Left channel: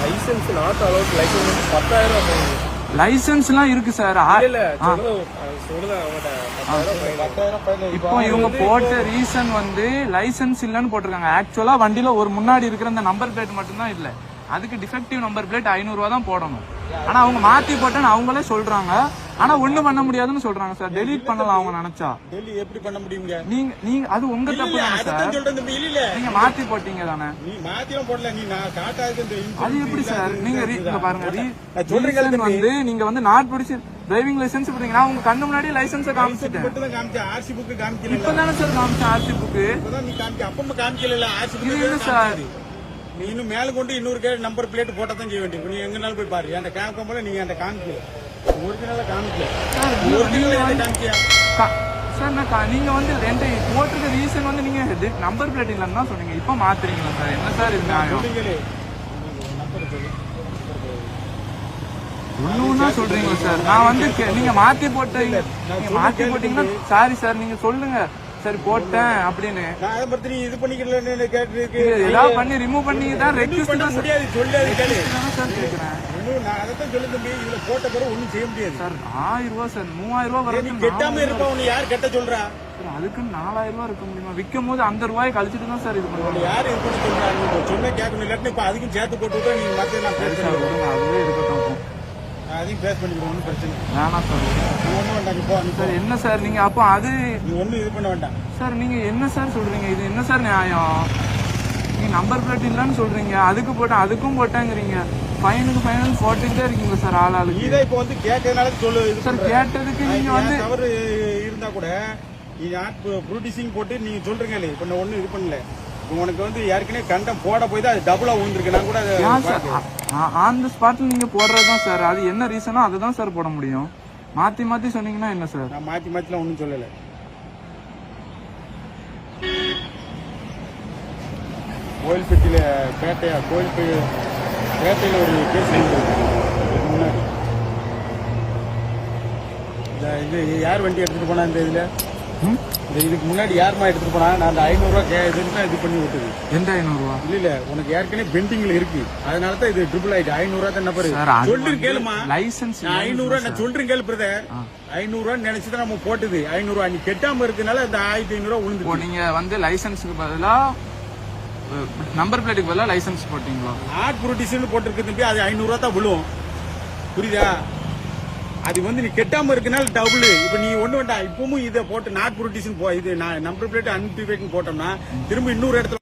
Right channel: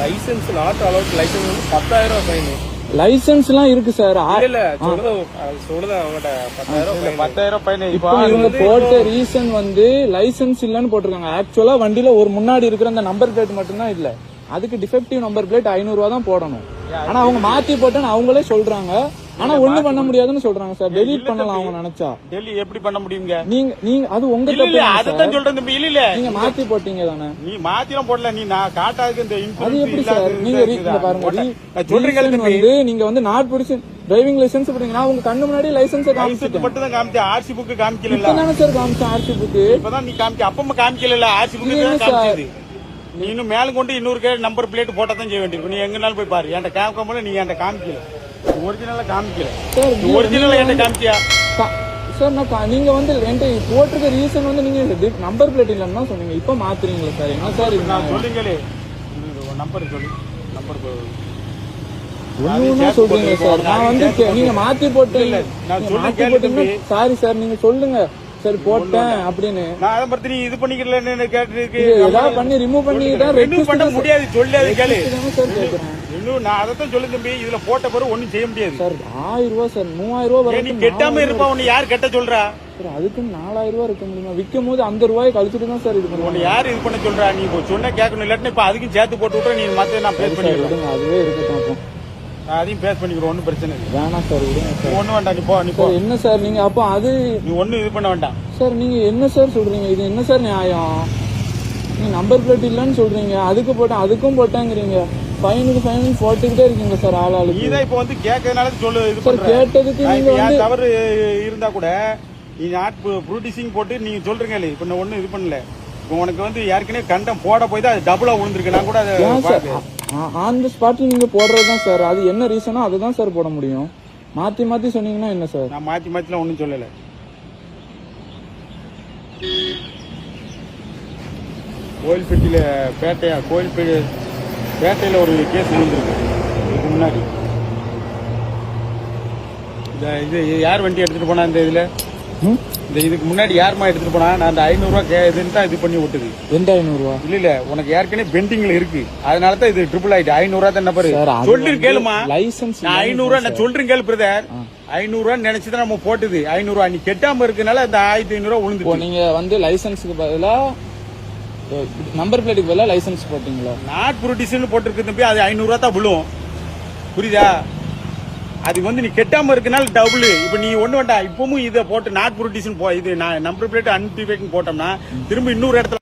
Licence not allowed licence வந்து பத்தாயிரம் fine லைசன்ஸ்லாம் இருக்கு சார். இப்போ இவங்க போட்ட ரீசன் வந்து லைசென்ஸ் இல்லன்னு போட்டிருக்காங்க. ஆக்சுவலா வண்டியில ஒரு முன்னாடி இருக்கிற அந்த நம்பர் பிளேட் மட்டும்தான் இல்ல. அதுக்கு டிஃபெக்டிவ் நம்பர் பிளேட் ஐநூறு ரூபா தான் போடணும். ஆனா அவங்க மாத்தி போட்டேன்னு அவங்களே சொல்றாங்க. ஆனா ஒண்ணு பண்ண முடியாதுன்னு சொல்றாங்க சார். டெலீட் பண்ணலாம் அவங்க நினைச்சா. டெல்லி எப்படி பண்ண முடியுங்க? நீங்க நீங்க அது உங்க இல்ல தப்பு இல்ல தானே சார். சொல்றேன் தம்பி இல்ல. இல்ல. நீங்க மாத்தி போட்டீங்க தானே. நீ மாத்திரம் போடல நீ நான் காட்டாதுக்கு இந்த அது எப்படி சார்? நீங்க இங்க பாருங்க. சொல்றீங்க வந்து நீங்க வந்து நாட் பிடிச்சு டிரைவிங் லைசென்ஸ் போடுறீங்க நான் உங்க கண்ணு முன்னாடி லைசென்ஸை காமிச்சிட்டேன். மட்டும் தான் காமிச்சேன். ஆர்சி புக் காமிக்கல இப்பதானே சார் காமிச்சேன் ஆர்சி புக்கு இப்பதான் நீ காமிக்க அப்பமா காமிக்கல ஆர்சி இது என்ன புக் சார்? காமிச்சது. நீ இன்னும் மேலும் கொண்டு இன்னொரு கே நம்பர் பிளேட் போட்டா தான் செய்ய வேண்டியிருக்கும். நீ எங்கனாலும் போய் பாரு. என்கிட்ட காமிக்க போல நீ என்கிட்ட காமிக்கல. காமிக்கல. சார் நான் நீங்க வந்து என்கிட்ட போட்டிருக்க ரீசன் வந்து நீங்க நம்பர் பிளேட் இல்லைன்னு சொன்னீங்க. இப்ப மாத்துறீங்களா சார் என்ன சார் இது நியாயம்? சொல்லுங்களே நம்பர் சொல்லு. நம்பர் சொல்லு. ஒண்ணு ஒண்ணா சொல்றீங்க சார் நான் வந்து நீங்க மாத்தி போட்டீங்க மாத்தி போட்டீங்கன்னா. சாரி சார் நீங்க சொல்லுங்க. சரி போட்டேன் அப்படின்னு. நான் நீ இது பண்ணிக்கலன்னு கேட்டு ஏதாவது பண்ணி ரிமூவ் பண்ணி தான் ரெண்டும் ரெக்வஸ்ட் பண்ண தான் முடியாது சொல்லாது கேளு. தானே சார் கேக்குறேன். இன்னும் நான் அதைத்தான் சொல்லு தம்பி. இதுல போட்ட பிறகு ஒண்ணும் செய்ய முடியாது. சார் ஆயிரம் ரூபாய் சார் மூவாயிரம் ரூபாய் வரைக்கும் கெட்டாம இருப்பா உன்னை யார் கெட்ட சொல்றா? சார் அதுக்கு நாலாயிரம் ரூபாய் இருக்க முடியுமா? விற்கும் போது அந்த ரூபாயை கழிச்சிட்டு தான் சார் இது பண்ணுவாங்க. யார் இது பண்ண சொல்றா? நீ இப்போ சொன்ன கேட்கணும். இல்லாட்டினா இப்ப அதுக்கும் சேர்த்து போட்டு விட்டா நீ மத்த நான் சார் பண்ணிக்கிறேன் விடுங்க. அதுவே இருக்கட்டும் அதையும் பேஸ் பண்ணிக்கிறேன். ஒன்னும் பிரச்சனை இல்லை. வேணாம் சார் விடுங்க ஒண்ணும் வேண்டாம். நீ போ நீ சார் என்ன சார் நீங்க? அப்போ அது நீ ஒண்ணும் இது பண்ண வேண்டாம். சார் நீங்க என்ன சார் சொல்றீங்க? இது என்ன சார் நியாயம்? நீங்க நம்பர் பிளேட் இல்லன்னு சொல்றீங்க. அதுக்கு போட்டேன் அதுக்கும் போட்டேங்கிறீங்க. ஃபைனுக்கு ஃபைனல் போட்டுக்கிட்டே இருக்கீங்க சார் ஆள் ஆளுக்கு தான் இப்போ வந்து கேட்கறதுனால சொல்லு இது சார் கேட்டதுக்கு நீங்க இது வந்து தவறு இருந்தா கூட நீ நாட் ப்ரூட்டிசிங் போட்டு நீங்க சொல்றீங்க இப்ப நான் ஒண்ணும் இது பண்ணல. உனக்கு வந்து ஏற்கனவே கண்டம் போட போய் தான் அது டபுளா விழுந்திருக்கு. நான் கூட அதை. ஆன் த ஸ்பாட்ல நீங்க போடுறது தான் சார். அது என்ன ரீசனோ அதை தான் சார் போட முடியும். மாத்தி மாத்தி சொன்னீங்கன்னா என்ன சார்? நான் மாத்தி மாத்திலாம் ஒண்ணும் சொல்லல. கோயில்பட்டியில பேட்டையா கோயில்பேட்டை பேட்டையில ஒரு கேஸ் நடந்திருக்கு. இதுக்கு முன்னாடி. இந்த இது யார் வண்டி எடுத்துட்டு போனா இந்த இதுல? இந்த இதுக்கு முன்னாடி யாருமா எடுத்துட்டு போனா? நான் அந்த ஐநூறு ரூபா கே இதுன்னு தான் இது பண்ணி விட்டுது எந்த ஐநூறு ரூபா இல்ல இல்ல. உனக்கு ஏற்கனவே பெண்டிங்ல இருக்கு. அதனால தான் இது ட்ரிபிள் ஆயிட்டு ஐநூறு ரூபா தான் என்ன பாரு? சார், அது சொல்லு வந்து கேளுமா license நான் ஐநூறு ரூபா நான் சொல்றேன் கேளு பிரதர் ஐநூறு ரூபா நினைச்சுதான் நம்ம போட்டுது. ஐநூறு ரூபா நீ கெட்டாம இருக்கனால இந்த ஆயிரத்தி ஐநூறு ரூபா இப்போ விழுந்து நீங்க வந்து லைசன்ஸுக்கு பதிலா நம்பர் பிளேட்டுக்கு பதிலாக லைசன்ஸ் போட்டீங்களா? நாட் ப்ரொடியூசர்னு போட்டிருக்கு தம்பி அது ஐநூறு ரூபா தான் விழுவோம். புரியுதா? அது வந்து நீ கெட்டாம இருக்கனால டபுள் இப்ப நீ ஒண்ணு வேண்டாம் இப்பவும் இதை போட்டு நாட் ப்ரொடியூசன் போ இது நம்பர் பிளேட் அன்டிஃபைக்கிங் போட்டோம்னா திரும்ப இன்னொரு இடத்துல